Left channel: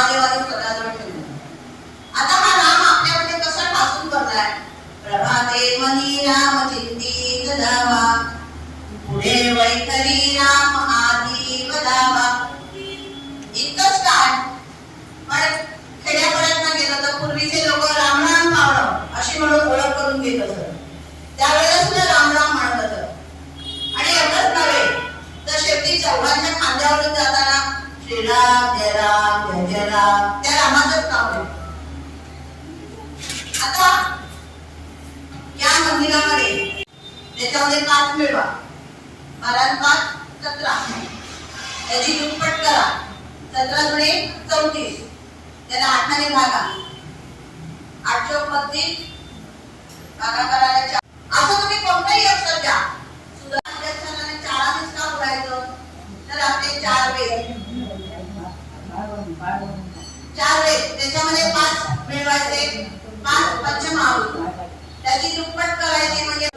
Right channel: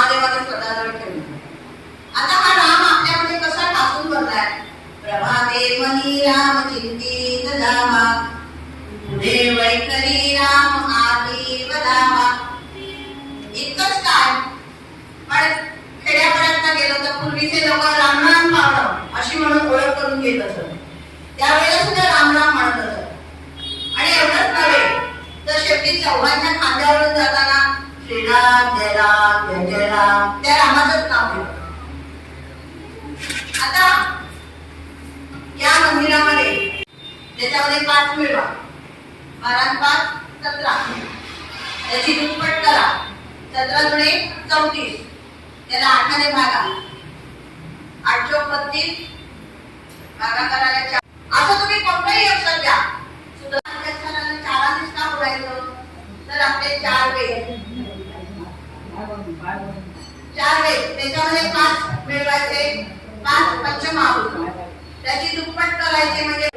महादेवाला स्वतःजवळ ठेवले आता हा राम आपल्यामध्ये कसा ठासून करताय प्रभाते मनी राम चिंतित धावा पुढे वैखरी राम आधी वधावा इतकंच काय? पण खेड्यापर्यंत गेलो तर पूर्वीचे लोक राम राम पावलं अशी म्हणून ओळख करून घेत असत. त्यावेळेला सुद्धा राम राम म्हणत असत. आणि एवढंच नव्हे तर शेवटी चौघांच्या खांद्यावरून जाताना श्रीराम जयराम आता या मंदिरामध्ये त्याच्यामध्ये पाच मिळवा बारा पाच सतरा. त्याची दुप्पट करा. सतरा जुळे चौतीस. त्याला आठाने भागा. आठ चौक बत्तीस भागा करायला चार. असं तुम्ही कोणताही लक्षात द्या सुद्धा अक्षराने चारानेच का बोलायचं तर आपले चार वेद चार वेद त्याच्यामध्ये पाच मिळवायचे पाच पंचमाहूत त्याची दुप्पट करायची म्हणजे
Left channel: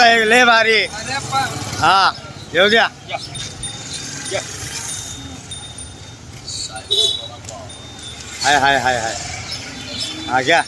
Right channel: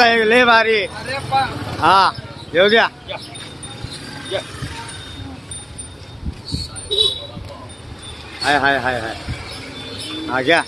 लय भारी. हा येऊ द्या. हाय हाय हाय हाय. हा घ्या.